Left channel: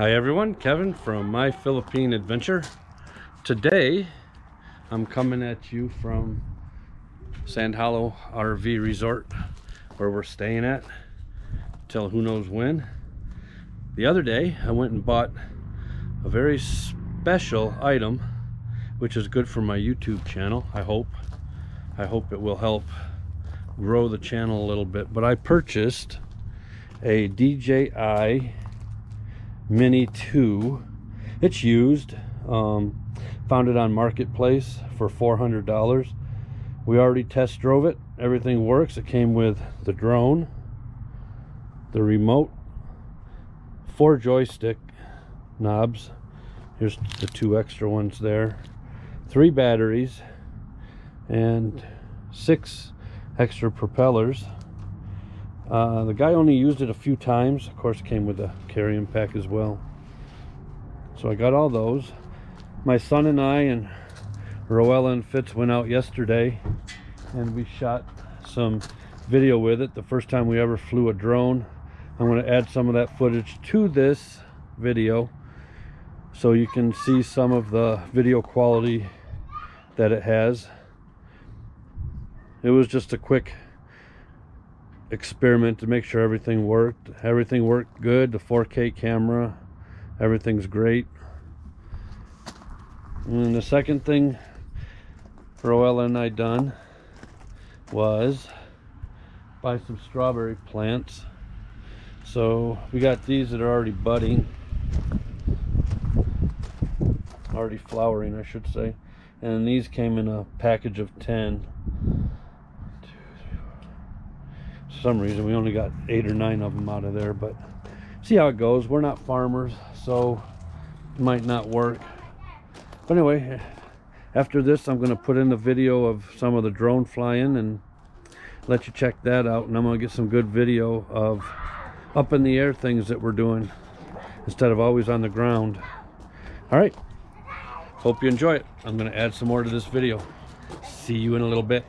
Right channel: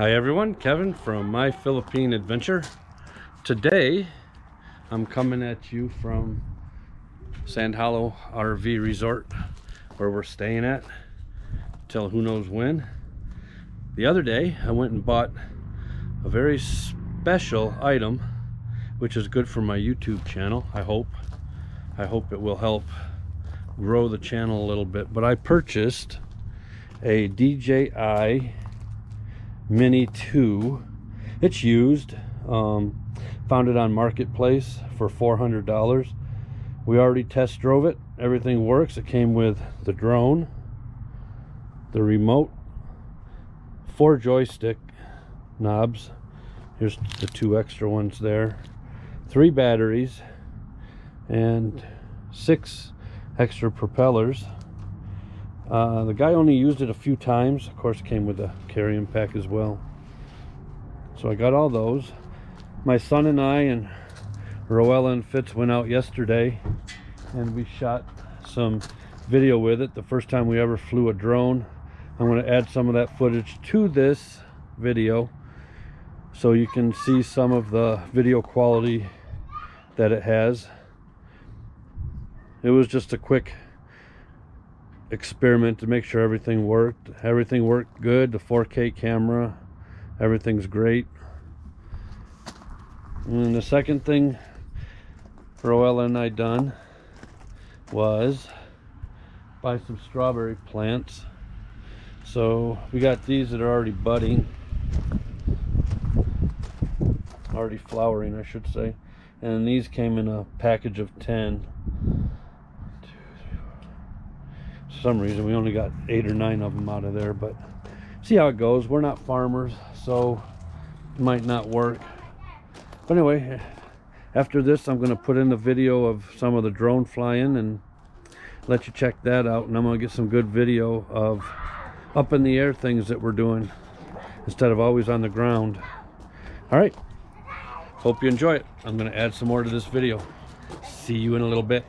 Hi everyone, Kevin from My Philippine Adventure. Today I'm coming at you from Sand Hollow RV Resort, where we're staying at till who knows when. The other day I went and bought a very special item, which is good for my YouTube channel. I hope it will help grow the channel a little bit. But I purchased a DJI Mini 2. It's used. Found it on Marketplace for $400. We already test drove it. Everything works. It came with the drone, the remote, 4 joystick knobs. Here's the 2 extra ones there, 3 batteries, and 6 extra propellers. The guy only used it a few times. Of course, it came with a carrying pack as well. So I got all those. My son and I and Roella and Fitz went out yesterday and we shot some video with it. The first time we ever flew a drone. I'm going to add some of that footage to this video so you can see some of the video quality that it has. It was just a quick experiment to make sure everything worked. Everything worked good. The 4K camera, everything's great. And the second thing Roella and I done was buy some strawberry plants. So we got these that are already budding, already flowering I should say, and these came in a package of 10. For some reason we only got 8 or 9 of them out of there, but see how it goes. We're not farmers, so it might not work. But anyway, after this I'm going to put in the video of some of the drone flying and let you check that out, and I'm going to get some good video of up in the air things that we're doing instead of always on the ground. All right, hope you enjoy it. I'm going to add some more to this video. See you in a little bit.